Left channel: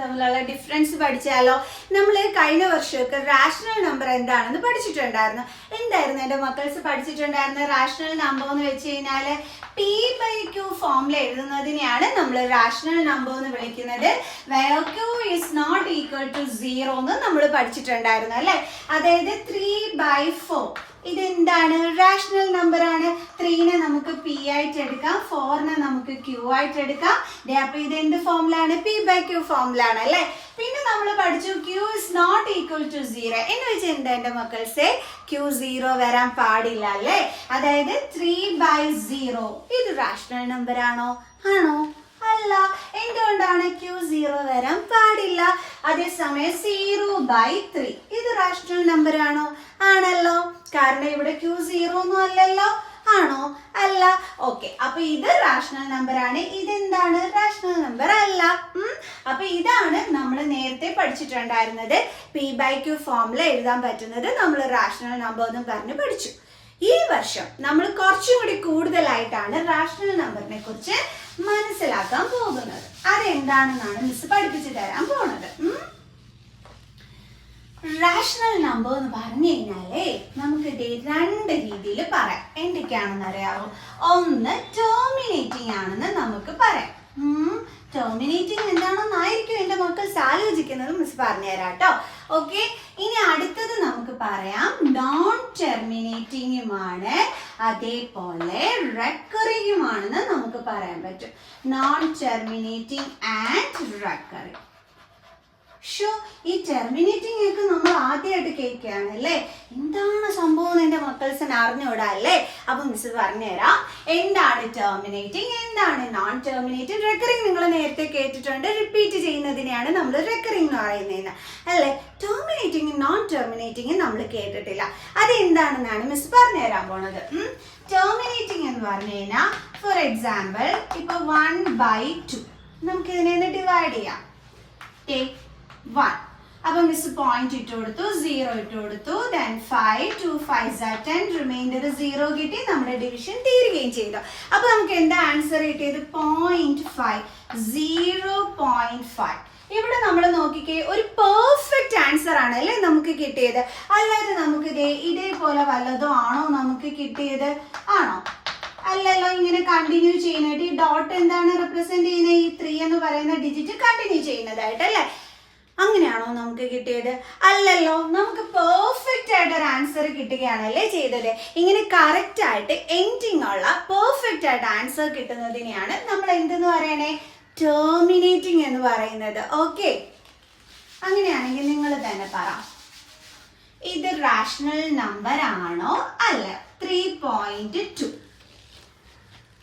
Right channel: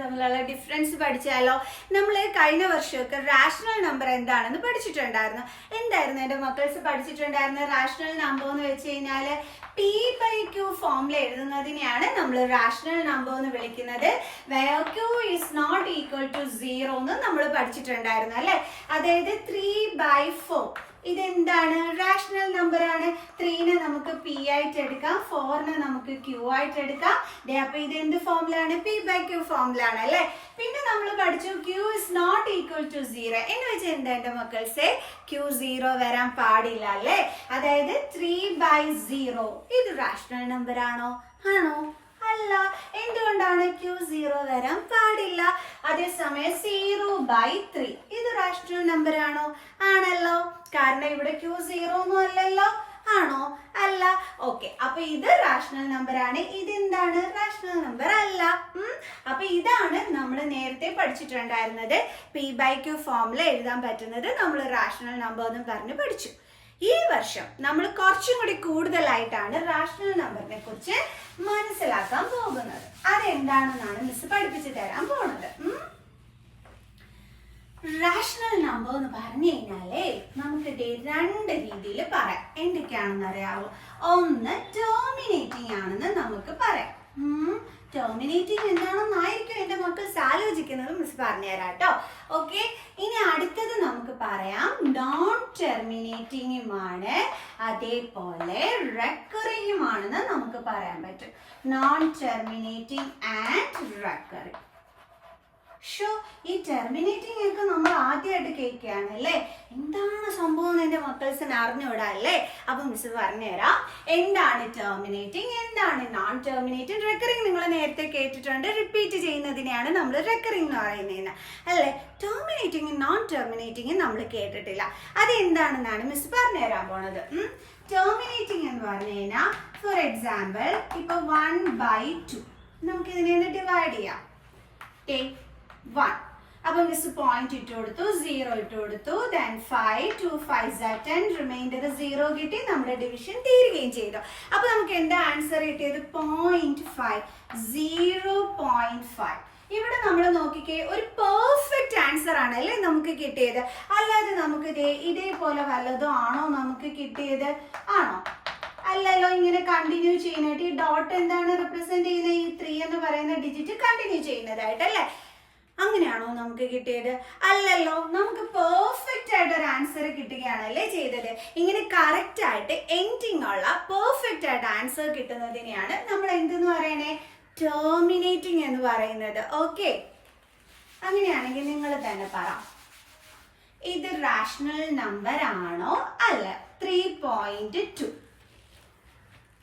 തമ്മിലുള്ള ഡിഫറൻസ് പഠിച്ചാലോ? നമ്മൾ കഴിഞ്ഞ വർഷമൊക്കെ റാഷണൽ നമ്പർ എന്താണെന്ന് പഠിച്ചിട്ടുണ്ടായിരുന്നു. എന്തായിരുന്നു എൻ്റെ മക്കൾസ് പഠിച്ചിട്ടുണ്ടായിരുന്നത്? റാഷണൽ നമ്പർ എന്ന് വെച്ച് കഴിഞ്ഞാൽ P/Q ഫോമിൽ എഴുതുന്നതിനെയാണ് നമ്മൾ റാഷണൽ നമ്പർ എന്ന് വിളിക്കുന്നത്. where Q is not equal to 0 എന്ന് നമ്മൾ പഠിച്ചിട്ടുണ്ടായിരുന്നു അല്ലേ? അതായത് 3/4 ഇതെന്താണ്? റാഷണൽ നമ്പർ ആണ്. 3നെ നമുക്ക് P ആയിട്ട് എടുക്കാം, 4നെ നമുക്ക് Q ആയിട്ട് എടുക്കാം. അപ്പൊ ഇത് എന്ത് ഫോമിലാണ്? P/Q ഫോമിലാണ് അല്ലേ? പിന്നെ നമ്മൾ പഠിച്ചു Q is not equal to 0 എന്ന് വെച്ചാൽ എന്താ എൻ്റെ മക്കൾസെ? Q 0 വരാൻ പാടില്ല അല്ലേ? അതായത് 3/0 ഇത് റാഷണൽ നമ്പർ ആണോ? ആണോ? അല്ല. എന്തുകൊണ്ടാണ്? Q 0 വരാൻ പാടില്ല. അതേസമയം 0/3 ഇത് റാഷണൽ നമ്പർ ആണോ? ആണല്ലോ. കാരണം ഇവിടെ Q 0 ഒന്നും അല്ലല്ലോ. ആണോ? അല്ല. ഓക്കെ, അപ്പൊ ഇത് റാഷണൽ നമ്പർ ആണ്. ഇതെന്താണ്? റാഷണൽ നമ്പർ അല്ല. അപ്പൊ ഇതാണ് നമ്മൾ നേരത്തെ പഠിച്ചിട്ടുണ്ടായിരുന്നത്. P/Q ഫോമിൽ എഴുതാൻ പറ്റുന്നത് നമ്മൾ റാഷണൽ നമ്പർ എന്ന് പറഞ്ഞ് പഠിച്ചു. ഈ വർഷം നമ്മൾ കുറച്ചും കൂടി കൂടുതലായിട്ടാണ് റാഷണൽ നമ്പറിനെ കുറിച്ച് മനസ്സിലാക്കാൻ പോകുന്നത്. അതെന്താണെന്നാണ് മിസ് പഠിപ്പിച്ചു തരാൻ പോണത്. റാഷണൽ നമ്പർ എന്ന് പറഞ്ഞു കഴിഞ്ഞാലേ നമുക്ക് ഇത് രണ്ട് രീതിയിൽ പറയാം. എന്തൊക്കെയാണെന്ന് അറിയാവോ? ഒന്ന് ടെർമിനേറ്റിംഗ് ആണെന്ന് നമുക്ക് പറയാം. ടെർമിനേറ്റിംഗ് എന്താണെന്നായിരിക്കും എൻ്റെ മക്കൾ ആലോചിക്കുന്നത്. മിസ് പറഞ്ഞുതരാം കേട്ടോ. ഓക്കെ, ഇനി അടുത്തത് നമുക്ക് പറയാം നോൺ ടെർമിനേറ്റിംഗുമാണ്, അതേപോലെ റെക്കറിംഗുമാണെന്ന് നമുക്ക് പറയാൻ പറ്റും. Non terminating and recurring. ഈ ടെർമിനേറ്റിംഗ് ഒക്കെ നമ്മൾ ആദ്യമായിട്ട് കേൾക്കുകയാണ് അല്ലേ? എന്താണ് സംഭവം എൻ്റെ മക്കൾസിന് അറിഞ്ഞുകൂടാ അല്ലേ? അപ്പൊ മിസ് പറഞ്ഞുതരാം എന്താണ് ടെർമിനേറ്റിംഗ്, എന്താണ് നോൺ ടെർമിനേറ്റിംഗ്. റെക്കറിംഗ് നിങ്ങൾ നേരത്തെ കേട്ടിട്ടുണ്ട്. റിപ്പീറ്റ് ചെയ്യുന്നതിനെയാണ് നമ്മൾ റെക്കറിംഗ് എന്ന് പറയുന്നത് അല്ലേ? ടെർമിനേറ്റിംഗ് നോൺ ടെർമിനേറ്റിംഗ് നമ്മൾ കേട്ടിട്ടില്ല. അതെന്താണെന്നാണ് മിസ് പറഞ്ഞുതരാൻ പോണത്. ടെർമിനേറ്റിംഗ് എന്ന് പറഞ്ഞു കഴിഞ്ഞാൽ ഫോർ എക്സാമ്പിൾ ഇപ്പൊ 1/2 നമുക്ക് ഇതിനെ ഡിവൈഡ് ചെയ്യാം. 1. അപ്പൊ മിസ് പോയിന്റ് ഇട്ട് കൊടുത്തു, 0 ഇട്ട് കൊടുത്തു, then 5, 2 5s are 10, റിമൈൻഡർ 0 കിട്ടി. നമ്മുടെ ഡിവിഷൻ തീരുകയും ചെയ്തു. അപ്പൊ നമുക്ക് എന്താ ആൻസർ കിട്ടിയത്? 0.5. 0.5. ഇവിടെ നമ്മൾ നോക്കിക്കേ, ഒരു പെർഫെക്റ്റ് ആൻസർ ആണ് അല്ലേ നമുക്ക് കിട്ടിയത്. അല്ലാതെ നമുക്ക് ഇതേപോലെ വല്ലതും ആണോ നമുക്ക് കിട്ടിയത്? ആണോ? അല്ലല്ലോ. ഇങ്ങനെ കണ്ടിന്യൂ ചെയ്യുന്നതായിട്ട് ഈ ഡോട്ട് എന്താണ് റെപ്രസെന്റ് ചെയ്യുന്നത്? ഈ 3 എന്ന് പറയുന്ന ഡിജിറ്റ് കണ്ടിന്യൂ ചെയ്യുന്നതായിട്ട് അല്ലേ? അങ്ങനെയാണോ നമുക്ക് കിട്ടിയത്? അല്ലല്ലോ. നമുക്ക് പെർഫെക്റ്റ് ആയിട്ട് ഒരു ആൻസർ കിട്ടുകയാണല്ലേ ചെയ്തത്. ഇങ്ങനെ കറക്റ്റ് ആയിട്ട് എൻഡിങ് ഉള്ള പെർഫെക്റ്റ് ആയിട്ട് ആൻസർ കിട്ടുന്നതിനെയാണ് നമ്മൾ എന്തെന്ന് പറയണേ? ടെർമിനേറ്റിംഗ് എന്ന് പറയുന്നത്. ഓക്കെ, അങ്ങനെയാണെങ്കിൽ നിങ്ങൾ തന്നെ പറ, ഇത് റാഷണൽ നമ്പർ ആണോ? അല്ല. 3.2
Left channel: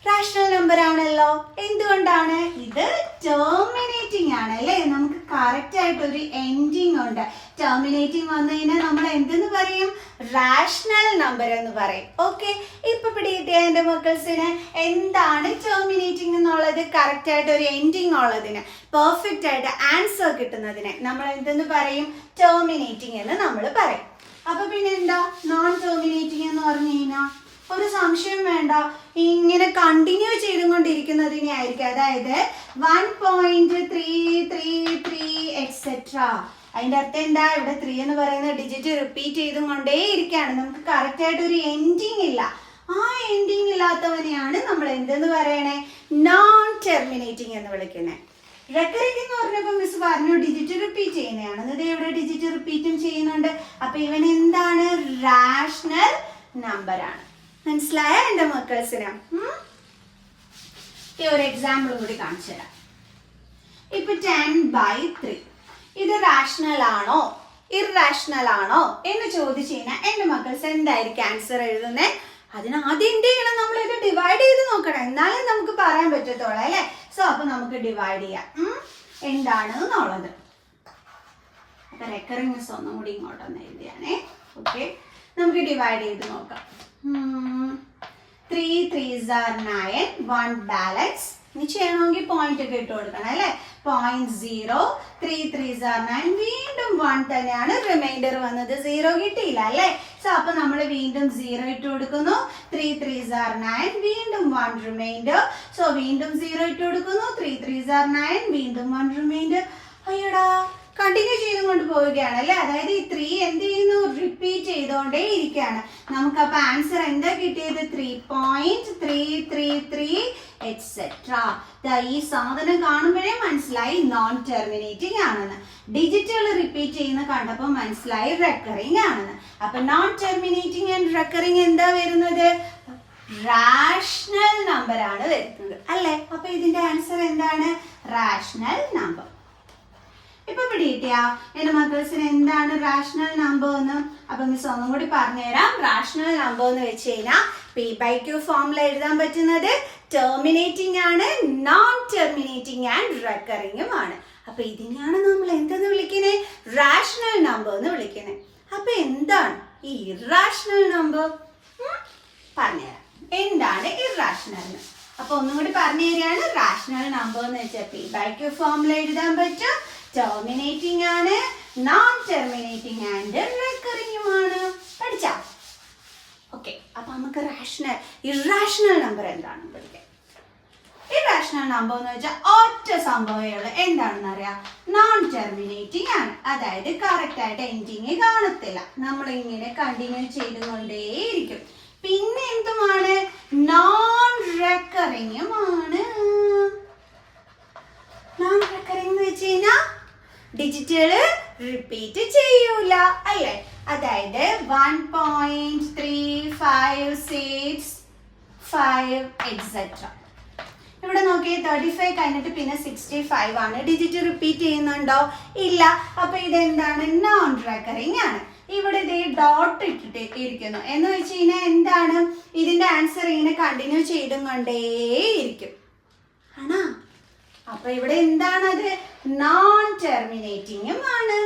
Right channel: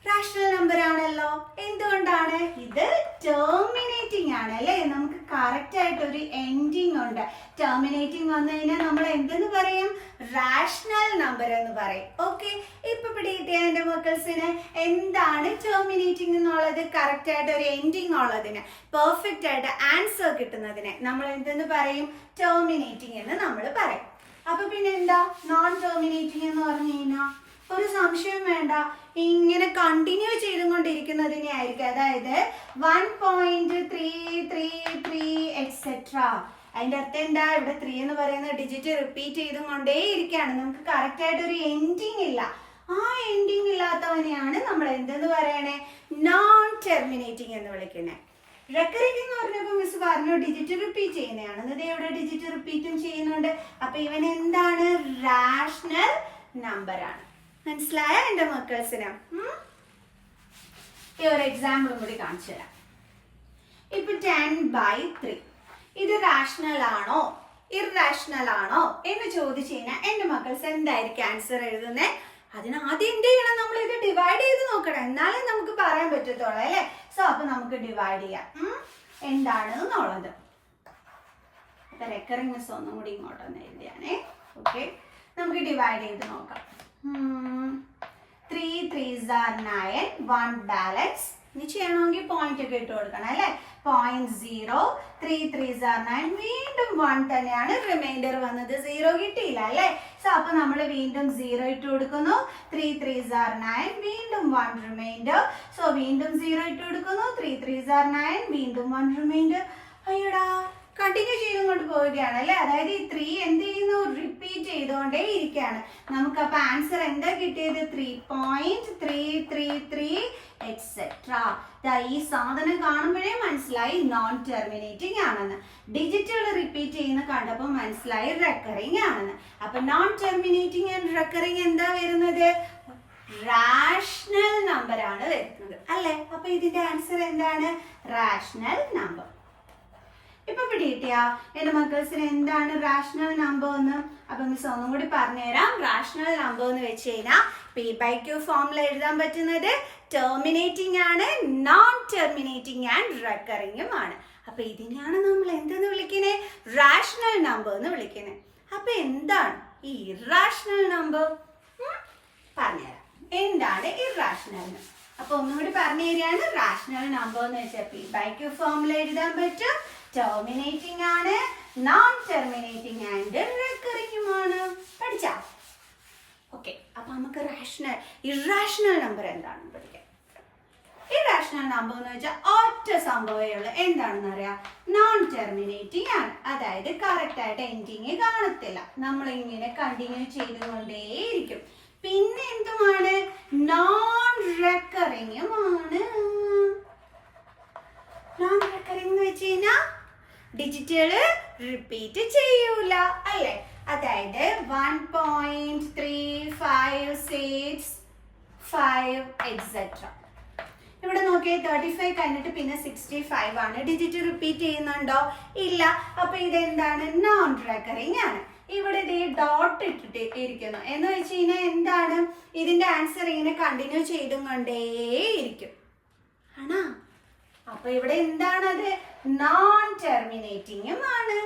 റാഷണൽ നമ്പർ ആണല്ലോ. എന്തുകൊണ്ടാണ്? ഇത് ടെർമിനേറ്റിംഗ് ആണ് അല്ലേ? നമുക്ക് കറക്റ്റ് ആയിട്ട് ഒരു എൻഡിങ് ഉണ്ട്. ടെർമിനേറ്റിംഗ് വന്നു കഴിഞ്ഞാൽ നമ്മൾ എന്തെന്ന് പറയും? റാഷണൽ നമ്പർ എന്ന് പറയും. ഓക്കെ, ഇപ്പൊ പിടികിട്ടിയ എൻ്റെ മക്കൾസിന് എന്താണ് ടെർമിനേറ്റിംഗ് എന്നുള്ളത്? കറക്റ്റ് ആയിട്ട് ഒരു എൻഡിങ് ഉള്ളതിന്, പെർഫെക്റ്റ് ആയിട്ട് ആൻസർ കിട്ടുന്നതിന് നമ്മൾ എന്തെന്ന് പറയും? ടെർമിനേറ്റിംഗ് എന്ന് നമ്മൾ പറയും. അപ്പൊ പിന്നെ എന്താ നോൺ ടെർമിനേറ്റിംഗ് എന്ന് പറഞ്ഞു കഴിഞ്ഞാൽ? ഒരു സംശയം വേണ്ട, ഇങ്ങനെ കണ്ടിന്യൂ ചെയ്തുകൊണ്ടിരിക്കുന്നതിനെ ആയിരിക്കും. അതായത് 1.333 എക്സെട്ര. അതിന്റെ അർത്ഥം എന്താ? ഇവിടെ 3 എന്ന് പറയുന്ന ഡിജിറ്റ് റിപ്പീറ്റ് ചെയ്തുകൊണ്ടേ ഇരിക്കുകയാണ്. നമുക്ക് കറക്റ്റ് ആയിട്ട് ഒരു എൻഡിങ് ഇല്ല. ആ എൻഡിങ് ഇല്ലാത്തവനെയാണ് നമ്മൾ എന്തെന്ന് പറയണേ? നോൺ ടെർമിനേറ്റിംഗ് എന്ന് വിളിക്കണേ. റെക്കറിംഗ് എന്ന് പറഞ്ഞപ്പോൾ മിസ് പറഞ്ഞു ഡിജിറ്റ് റിപ്പീറ്റ് ചെയ്യുന്നതാണ്. ഇത് ഇവിടെ ഡിജിറ്റ് റിപ്പീറ്റും ചെയ്യുന്നുണ്ട്. അപ്പൊ ഇവൻ എന്താണ്? റാഷണൽ നമ്പർ ആണ്. മനസ്സിലായ എൻ്റെ മക്കൾസിന്? ഒരു എക്സാമ്പിൾ കൂടി കാണിച്ചു തരാം. ഇപ്പൊ 10/3 ഇത് റാഷണൽ ആണോ ഇററാഷണൽ ആണോ എന്ന് ചോദിച്ചു കഴിഞ്ഞാൽ എൻ്റെ മക്കൾസ് എന്തായിരിക്കും ആൻസർ എഴുതുന്നത്? അതിന് ആദ്യം എന്ത് ചെയ്യണം? നമ്മൾ ഇത് ഡിവൈഡ് ചെയ്ത് നോക്കണം, എന്നാലേ നമുക്ക് പറയാൻ പറ്റത്തുള്ളൂ അല്ലേ? സോ അപ്പൊ നമുക്ക് ഡിവൈഡ് ചെയ്യാം എന്താണ് എന്നുള്ളത്. അപ്പൊ റെക്കറിംഗ് മിസ് ഒന്നും കൂടി ഇങ്ങോട്ടൊന്ന് എഴുതിയാണേ. ഓക്കെ, നമുക്ക് ഡിവൈഡ് ചെയ്ത് നോക്കാം. 3 3s are 9, 1 ബാലൻസ്. ഇനി ചെയ്യണമെങ്കിൽ പോയിന്റ് ഒക്കെ ഇട്ട് കൊടുക്കണം അല്ലേ? 0.0, 3 3s are 9, വീണ്ടും 1 തന്നെയാണ്. റിമൈൻഡർ വന്നത് 0 കിട്ടിയില്ല അല്ലേ? സോ അപ്പൊ നമ്മൾ വീണ്ടും 0 ഇട്ട് കൊടുക്കുന്നു. 3 3s are 9, വീണ്ടും 1 റിമൈൻഡർ. സോ വീണ്ടും 0 ഇട്ട് കൊടുക്കുന്നു. 3 3s are 9, വീണ്ടും 1 റിമൈൻഡർ. അയ്യോ കൊണ്ട് പോവുകയാണ് അല്ലെ. അതായത് ഈ 3 എന്ത് ചെയ്യുന്നു, റിപ്പീറ്റ് ചെയ്തുകൊണ്ടേ ഇരിക്കുകയാണ്. നമുക്ക് അപ്പൊ ആൻസർ എന്താ കിട്ടിയത്, 3.333 എക്സെട്ര. ഈ സാധനം കാണുമ്പോഴേ മനസ്സിലായി നോൺ ടെർമിനേറ്റിംഗ് ആണെന്ന്. ഡിജിറ്റുകൾ റിപ്പീറ്റ് ചെയ്യുന്ന കണ്ടപ്പോൾ മനസ്സിലായി റെക്കറിങ് ആണെന്ന്. അപ്പൊ നോൺ ടെർമിനേറ്റിംഗ് ആൻഡ് റെക്കറിങ് എന്താ വരുന്നത്, റാഷണൽ നമ്പർ ആണ് വരുന്നത് അല്ലെ. അപ്പൊ ഇതിന്റെ ആൻസർ എന്താണ്, റാഷണൽ നമ്പർ. ഇപ്പൊ പിടികിട്ടിയ എന്റെ മക്കൾസിന് എന്താണ് റാഷണൽ നമ്പർ എന്ന്. അപ്പൊ മിസ് ഒന്നും കൂടി പറഞ്ഞുതരാം. റാഷണൽ നമ്പർ എന്ന് വെച്ച് കഴിഞ്ഞാൽ P/Q ഫോമിൽ എഴുതാൻ പറ്റുന്നത് ടെർമിനേറ്റിംഗ് ആണ്, നോൺ ടെർമിനേറ്റിംഗ് ആൻഡ് റെക്കറിങ്ങും ആണ്. അപ്പൊ ഇതിനെയാണ് നമ്മൾ എന്തെന്ന് വിളിക്കുന്നത്, റാഷണൽ നമ്പർ എന്ന് വിളിക്കുന്നത്. അപ്പൊ എന്താണ് ഈ ഇറാഷണൽ നമ്പർ, പറഞ്ഞുതരാം എന്താണ് ഇറാഷണൽ. അപ്പൊ ഒന്നുകൂടി പറഞ്ഞു തരികയാണ്. റാഷണൽ നമ്പർ എന്ന് വെച്ചാൽ P/Q ഫോമിൽ എഴുതാൻ പറ്റും, ടെർമിനേറ്റിംഗ് ആണ്, നോൺ ടെർമിനേറ്റിംഗ് ആൻഡ് റെക്കറിങ്ങുമാണ്. പഠിച്ചാ ഓക്കെ. അപ്പൊ നമുക്ക് ഇറാഷണൽ നമ്പർ എന്താണെന്ന് പഠിക്കാം. ഇറാഷണൽ നമ്പർ എന്ന് വെച്ചാൽ ഒറ്റ സംഭവമുള്ള എന്താണെന്ന് അറിയാം, നോൺ ടെർമിനേറ്റിംഗ് ആണ്. അതായത് കറക്റ്റ് ആയിട്ട് എൻഡിങ് കാണത്തില്ല, നമ്മളിങ്ങനെ കണ്ടിന്യൂ ചെയ്തുകൊണ്ടേയിരിക്കും. പിന്നെ എന്തുമാണ്, നോൺ റെക്കറിങ്ങുമാണ്. നോൺ റെക്കറിംഗ് എന്ന് വെച്ച് കഴിഞ്ഞാൽ ഡിജിറ്റുകള് റിപ്പീറ്റ് ചെയ്യൂല അല്ലേ. അതായത് 1.3565 എക്സെട്ര. ഇവിടെ നോക്കി 35 കഴിഞ്ഞിട്ട് പിന്നെ 65 ആണ്. ഡിജിറ്റ് റിപ്പീറ്റ് ചെയ്യുന്നുണ്ടോ, ഇല്ല. അപ്പൊ ഇതെന്താണ്, നോൺ റെക്കറിംഗ് ആണ്. ഇവിടെ ഇത് ഡോട്ട് ഇട്ടിട്ട് ഇരിക്കുന്നു എന്ന് വെച്ച് കഴിഞ്ഞാൽ എന്താണ്, ഇതിന്റെ ആൻസർ ഇങ്ങനെ കണ്ടിന്യൂ ചെയ്തും കൊണ്ടേയിരിക്കും ആണോ. അപ്പൊ ഇവിടെ എന്താണത്, നോൺ ടെർമിനേറ്റിംഗും ആണ്.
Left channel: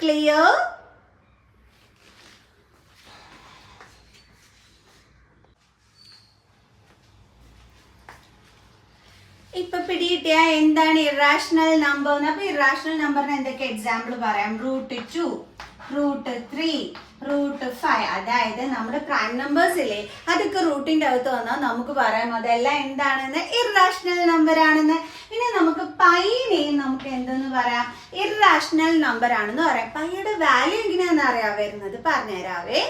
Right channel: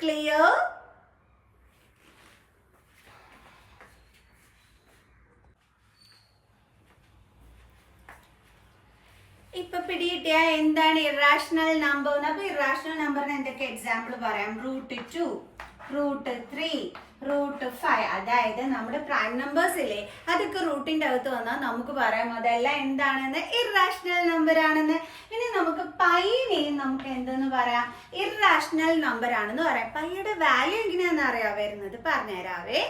ക്ലിയർ. ഇപ്പൊ പിടികിട്ടിയ എന്താണ് ഇറാഷണൽ നമ്പർ. അപ്പൊ ഇറാഷണൽ നമ്പറിന് എന്തൊക്കെ എക്സാമ്പിൾ പറയാം, √2, √3, √5. അതായത് നമ്മുടെ പ്രൈം നമ്പേഴ്സ് ഇല്ലേ, അതൊക്കെ റൂട്ടിന്റെ അകത്ത് വന്നാൽ നമുക്ക് പറയാം അതെല്ലാം എന്താണെന്ന്, ഇറാഷണൽ നമ്പർ ആണെന്ന്. പിന്നെ നമുക്ക് പൈനെയും നമുക്ക് എന്തെന്ന് പറയാം, ഇറാഷണൽ നമ്പർ ആണെന്ന് പറയാം. പൈയുടെ വാല്യൂ എങ്ങനെയാണെന്ന് അറിയാൻ വരുന്നത് പറഞ്ഞുതരാവേ.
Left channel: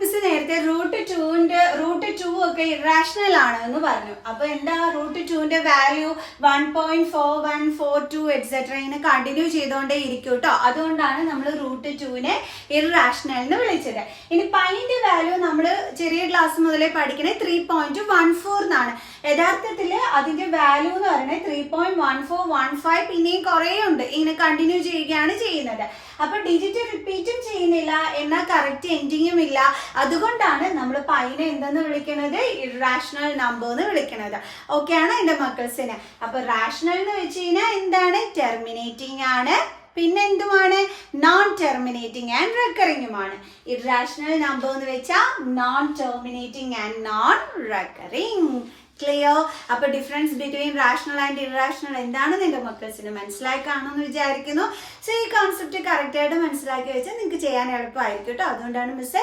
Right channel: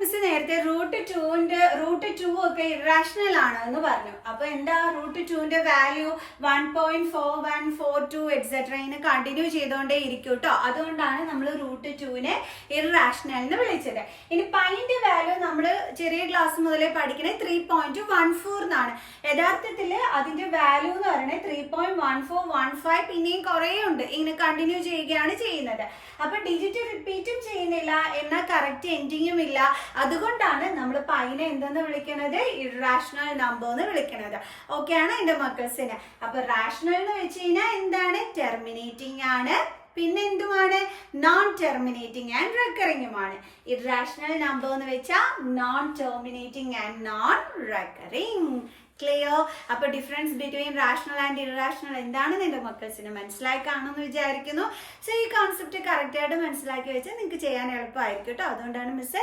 മിസ് നേരത്തെ √2 ഒക്കെ ഇറാഷണൽ ആണ് എന്ന് പറഞ്ഞു. അപ്പൊ എന്താ, √2ന്റെ വാല്യൂ 1.4142 എക്സെട്ര ഇങ്ങനെ കണ്ടിന്യൂ ചെയ്തോണ്ടേ ഇരിക്കും കേട്ടോ. അതുകൊണ്ടാണ് നമ്മൾ √2നെ ഇറാഷണൽ എന്ന് വിളിച്ചത്. ഇനി പൈന്റെ വാല്യൂ നമ്മൾ ചെറിയ ക്ലാസ് മുതലേ പഠിക്കണേ 3.14 എന്നാണ്. യഥാർത്ഥത്തിൽ അതിന്റെ വാല്യൂ എന്ന് പറയുന്നത് 3.1415 പിന്നെയും കുറേ ഉണ്ട്, ഇങ്ങനെ കണ്ടിന്യൂ ചെയ്യുകയാണ് ചെയ്യുന്നത്. അപ്പൊ ഡിജിറ്റ് റിപ്പീറ്റും ചെയ്യുന്നില്ല, എന്നാൽ കറക്റ്റ് എൻഡിങ്ങും ഇല്ല. അതുകൊണ്ടാണ് നമ്മൾ പൈനെ എന്തെന്ന് വിളിക്കുന്നത്, ഇറാഷണൽ നമ്പർ എന്ന് വിളിക്കുന്നത്. ഓക്കെ ആണ് എന്റെ മക്കൾസിന്. അപ്പൊ റാഷണൽ എന്ന് വെച്ച് കഴിഞ്ഞാൽ എന്താണ്, ടെർമിനേറ്റിംഗ് ആണ്, പിന്നെ എന്തുമാണ്, നോൺ ടെർമിനേറ്റിംഗ് ആൻഡ് റെക്കറിങ്ങുമാണ്. ഇറാഷണൽ നമ്പർ എന്ന് വെച്ചാൽ non terminating and non recurring. Clear. അപ്പൊ difference between rational and irrational എന്താണെന്ന് എന്റെ മക്കൾസിന് മനസ്സിലായി കാണുമെന്ന് വിചാരിക്കുന്നു. സോ ഈ കോൺസെപ്റ്റ് കറക്റ്റ് ആയിട്ട് മനസ്സിലാക്കി വെച്ചാൽ നിങ്ങൾക്ക് ചെയ്യാൻ എളുപ്പമായിരിക്കും കേട്ടോ. അതുകൊണ്ടാണ് മിസ്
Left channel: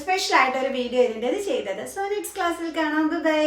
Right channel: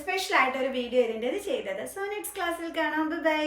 സ്പെഷ്യൽ ആയിട്ട് ഒരു വീഡിയോ ഇതിൻ്റെ ചെയ്തത്. സോ നെക്സ്റ്റ് ക്ലാസ്സിൽ കാണാം. ബൈ.